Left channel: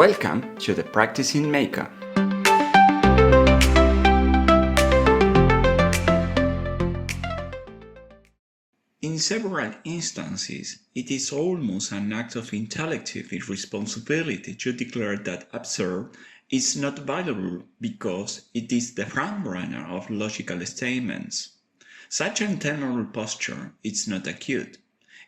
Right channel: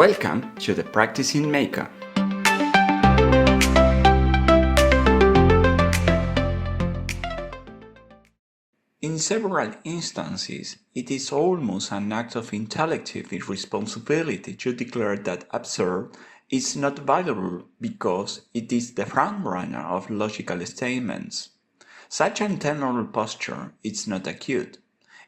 Welcome to the Practicing Maker. In several instances, it is almost an act of intellective irresponsibility to declare that absurd is not valuable because it is the frontrunner of logical statements. Such an internal posture is not acute.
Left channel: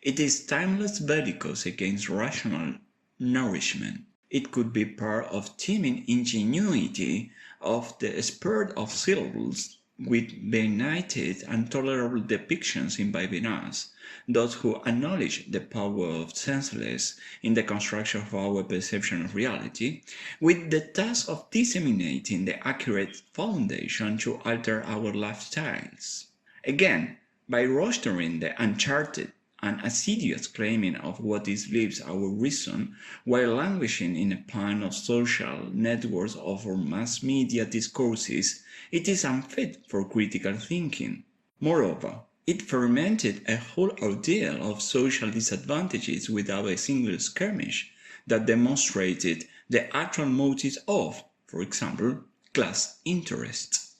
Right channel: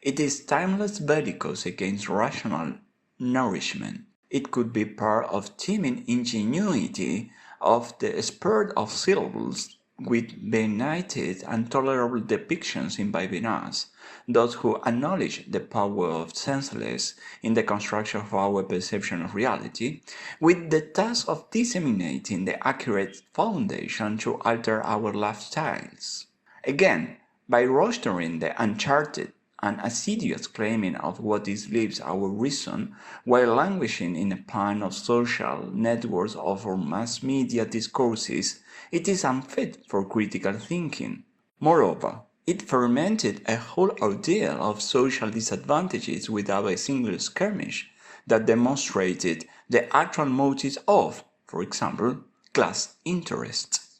It is timeless bellicose against rational nourishment. It could be part of teeming ingenuity of the spurt of syllables with benighted and tolerable depictions imbibing us, those who acknowledge the power of senseless in the construction of our perception of reality, with the task of disseminating the accurate foundation to alter our lifestyles. Again, by rostering the uncharted and assiduous claiming of what is leaves our reason, while languishing in a pan of social networks or mass media discourses, it is unfit for critical thinking. Moreover, it fermented a whole ordeal of social disadvantages without a single skirmish that demonstrated the actual motives of, for example, class interests.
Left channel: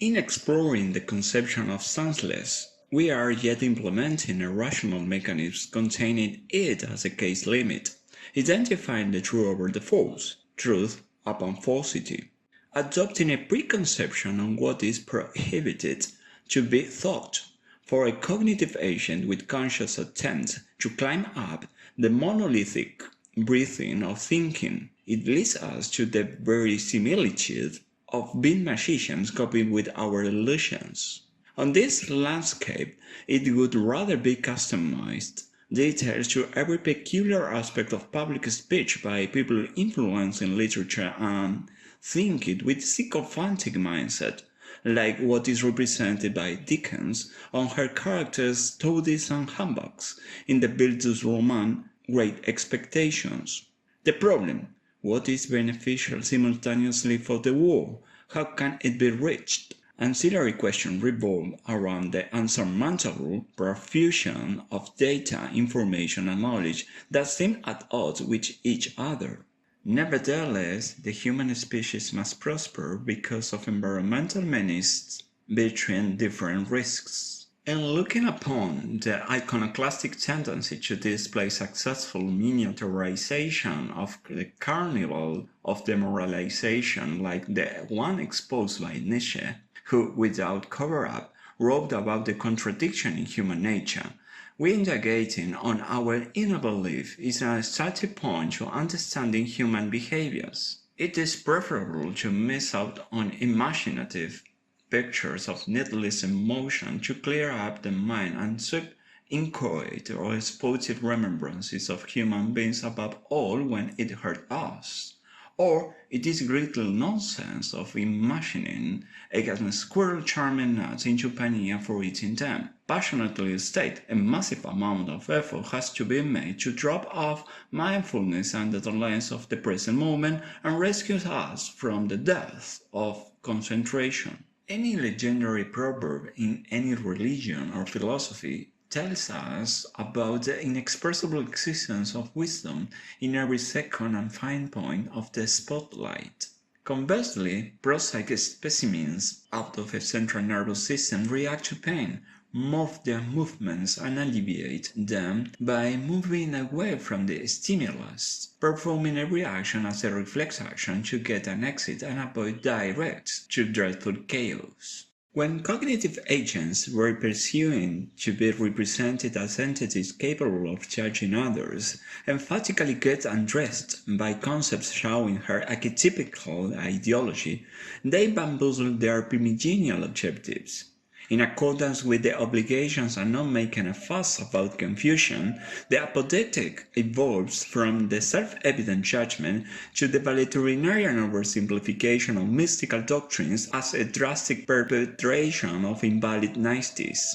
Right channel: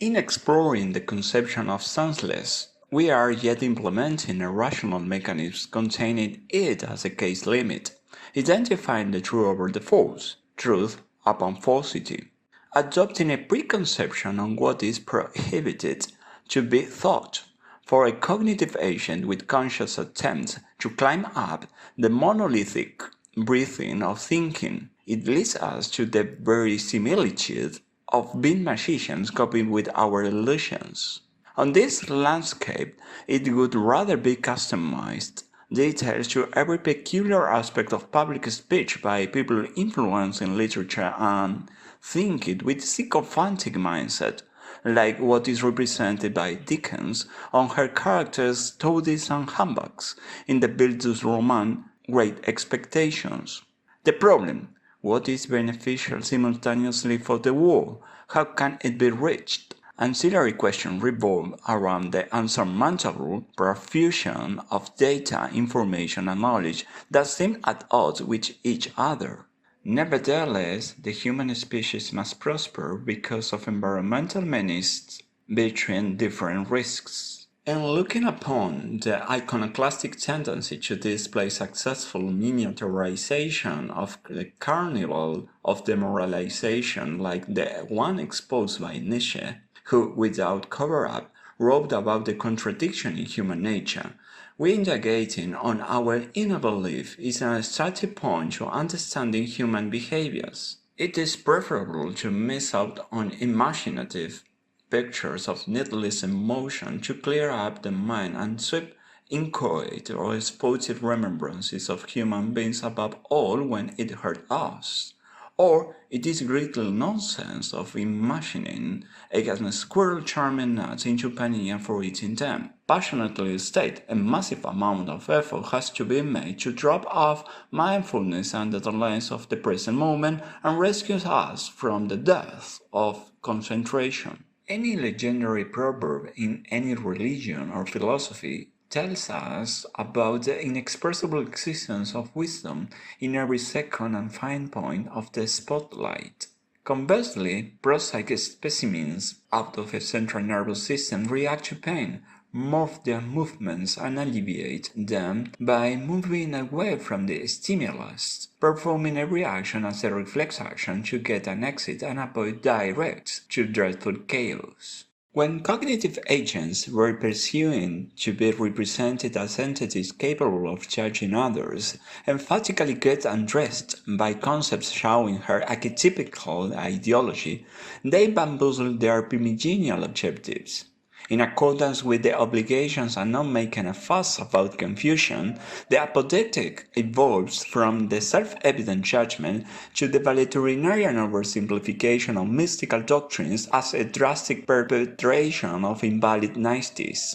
In exploring the conception of senseless, we are yet implementing a rational mechanism containing it as a case limit, identifying the true over the false, truth upon falsity, adopting a preconception on what is prohibited to be thought. For a cognitive agent with conscious attempts to climb up the monolithic breathing of thinking, it leads us to the verisimilitude of being magicians coping with our illusions. On this landscape, it would rather be customized details to every peculiar aspect of public speech by people influencing literature and think it with sycophantic mindset, like what is represented by Dickens on her characters toadies and humbugs in the Bildungs Roman Great Expectations. The problem: what is beneficial simultaneously for the war? How can it be reached? Ancillary questions revolve around the unsurmountable profusion of data, information, and knowledge that seem at odds with each other. Nevertheless, the human species must prosper because of environmental menaces between different risks. In looking upon the iconoclastic tendency to display successful miniaturization of the carnival of demoralization like the one exposed by Nietzsche, who, without cover-up, wrote about the contradiction in human nature, we indagating on our inner belief is a starting point to understanding human behaviors. It is preferable to miss out on imaginative pictures of needless emotion to clear up the mind and sweep inchoate or sportive remembrances of human beings above all when it hurt us. Or it is greatly nonsense of imagining a squirrel charming nuts into panini for eating them. Passionately state a massive amount of effort has to be made to drop off mindfulness under the lens of the present moment and rescue us from the death of concentration. Any legendary proverb in any religion or philosophy tells us about the inexpressible existence of wisdom in every second and fine point of the spotlight. Conversely, prosaic specimens out of a central nervous system react to pain, morph their movements and alleviate them by moving away from the stimulus, performing a reaction as a reflex action to get an exit and avoid direct to dreadful chaos. When cognitive agents were pursuing to be represented as entities capable of judging others, emphatically get undressed by concepts showing her archetypical ideology, they bamboozled their primigenial objectives. In accordance with the obligations and not making a fuss about confusion, the apodictic evolves from the self-evident judgment to the valetudinarian oversimplification of mystical doctrines as a drastic perpetration of invalid niceties.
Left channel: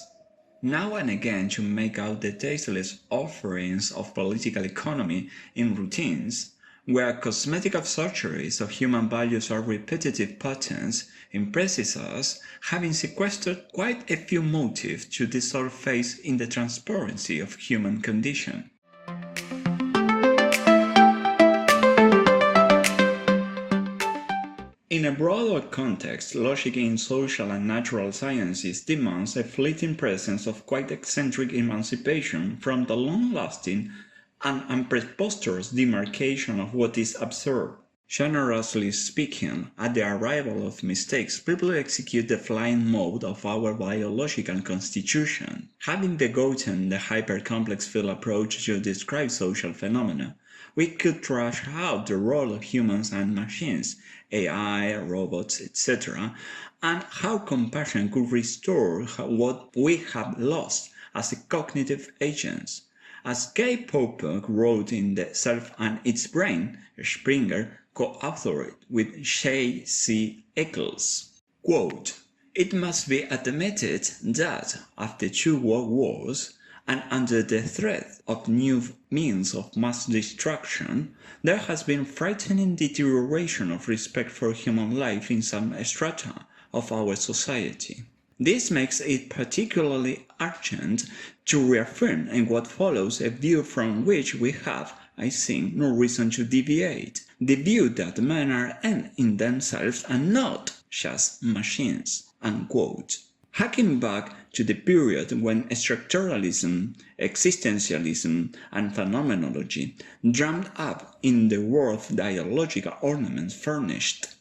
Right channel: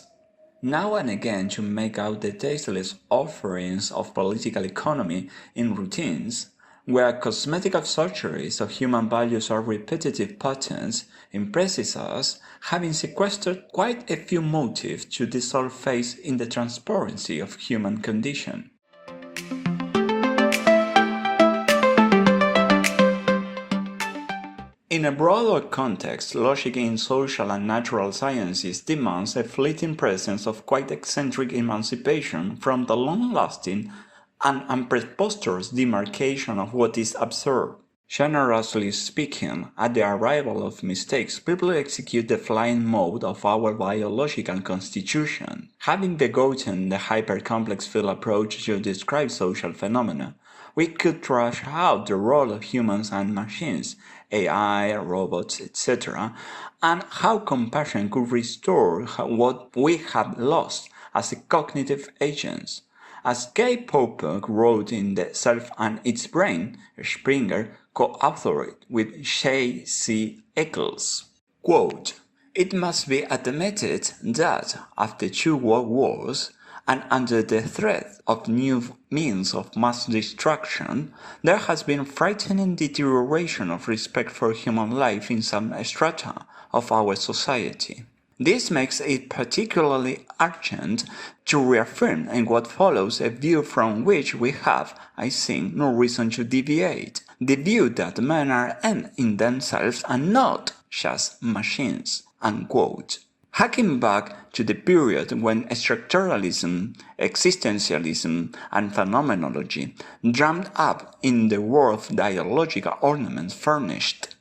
Now and again, to make out the tasteless offerings of political economy in routines, Where cosmetic surgeries of human values or repetitive patterns impresses us, having sequestered quite a few motives to dissolve faith in the transparency of human condition. In a broader context, logic in social and natural sciences demands a fleeting presence of quite eccentric emancipation from the long-lasting and preposterous demarcation of what is absurd. Generously speaking, at the arrival of mistakes, people execute the flying mode of our biological constitution. Having begotten the hyper-complex field approach to describe social phenomena, we could trash out the role of humans and machines, AI, robots, etc., and how compassion could restore what we have lost as cognitive agents. As Guy Popper wrote in The Self and Its Brain, Springer co-authored with Shay C. Eccles. Quote, "It must be admitted that, after 2 world wars, and under the threat of new means of mass destruction, there has been frightening deterioration of respect for human life in some strata of our society. This makes it particularly urgent to reaffirm in what follows a view from which we have, I think, no reason to deviate, the view that men are ends in themselves and not just machines." Unquote. Harking back to the period when structuralism, existentialism, and phenomenology drummed up in the world dialogical ornaments furnished.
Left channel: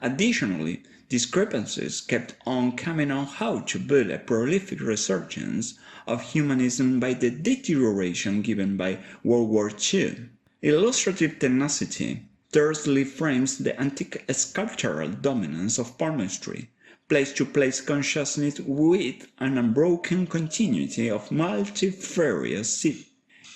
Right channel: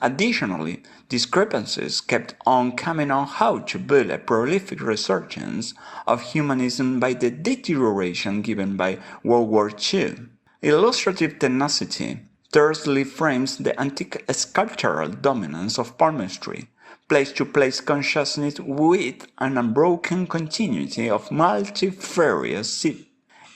Additionally, discrepancies kept on coming on how to build a prolific resurgence of humanism by the deterioration given by World War II. Illustrative tenacity tersely frames the antique sculptural dominance of palmistry, place-to-place consciousness with an unbroken continuity of multifarious.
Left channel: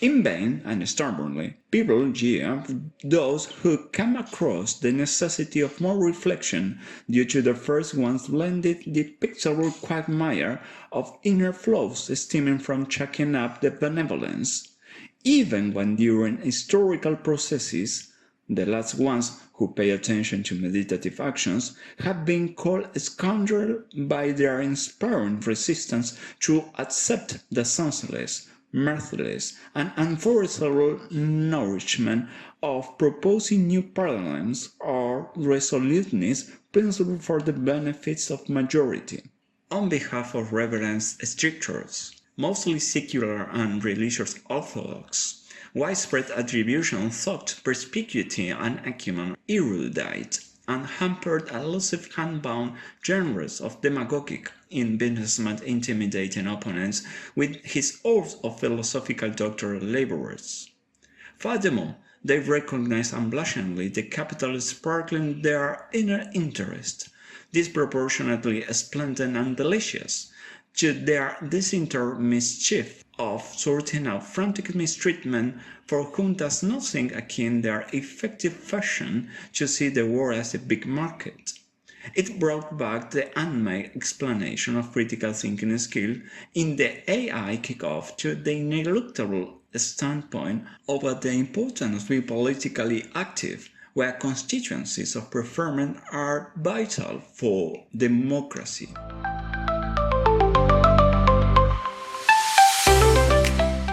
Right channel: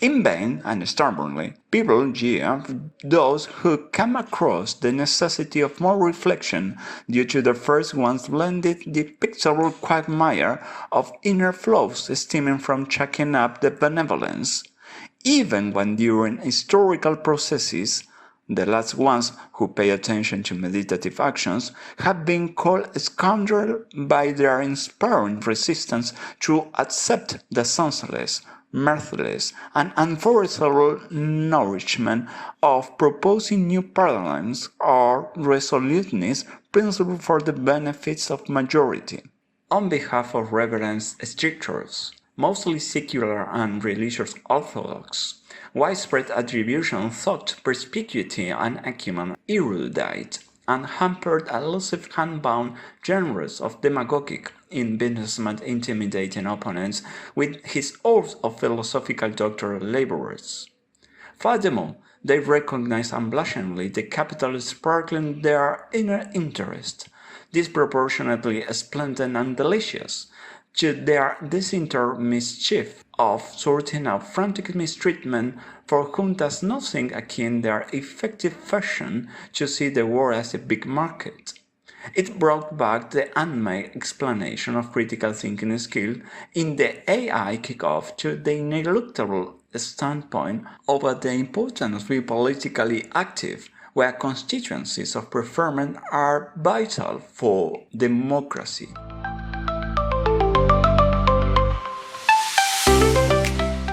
In vain and stubbornly, people jeer those who come across the necessity of more reflection due to the first one's blended the pictorial quagmire of inner flows stemming from chucking up the benevolence, even when during historical processes the last ones who pay attention to meditative actions have been called scoundrels by their inspiring resistance to accept the senseless, mirthless, and unforeseeable nourishment of proposing new paradigms or resoluteness principle for the benefits of majority. On behalf of reverend strictures, mostly secular and religious orthodox, widespread attribution thought perspicuity and acumen erudite, and hampered elusive hand-bound genres of demagogic investment intimidating opponents with his oaths of philosophical doctoral laborers. Furthermore, they recognize unblushingly the capital sparkling their inner interest, disproportionately splendid and delicious, to their disinterred mischief of sorting out frantic mistreatment for whom does nothing akin their effective fashion to see the world as a big market. It brought back the unmade explanation of critical thinking skill in the AI kickoff to the ineluctable standpoint over the importance of being politically active, where constituencies of preferment are vital for democracy.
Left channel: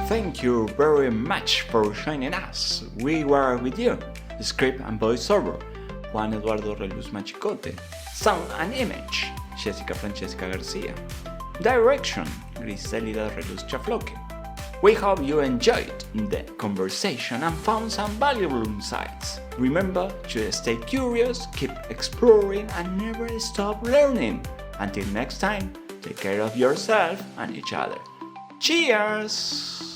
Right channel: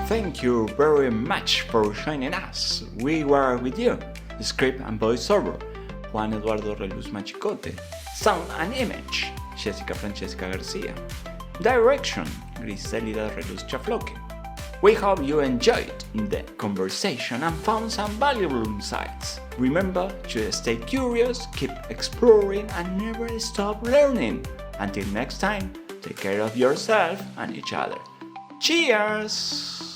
Thank you very much for joining us. We were with you, script and voiceover, Juan Eduardo Reluz Machicote, sound and image, Jessica Francesca Garcia, direction, Griselida Reluz Chafloque. We hope you enjoyed the conversation and found some valuable insights. Remember to stay curious, keep exploring, and never stop learning. Until next time, take care of yourself and each other. Cheers!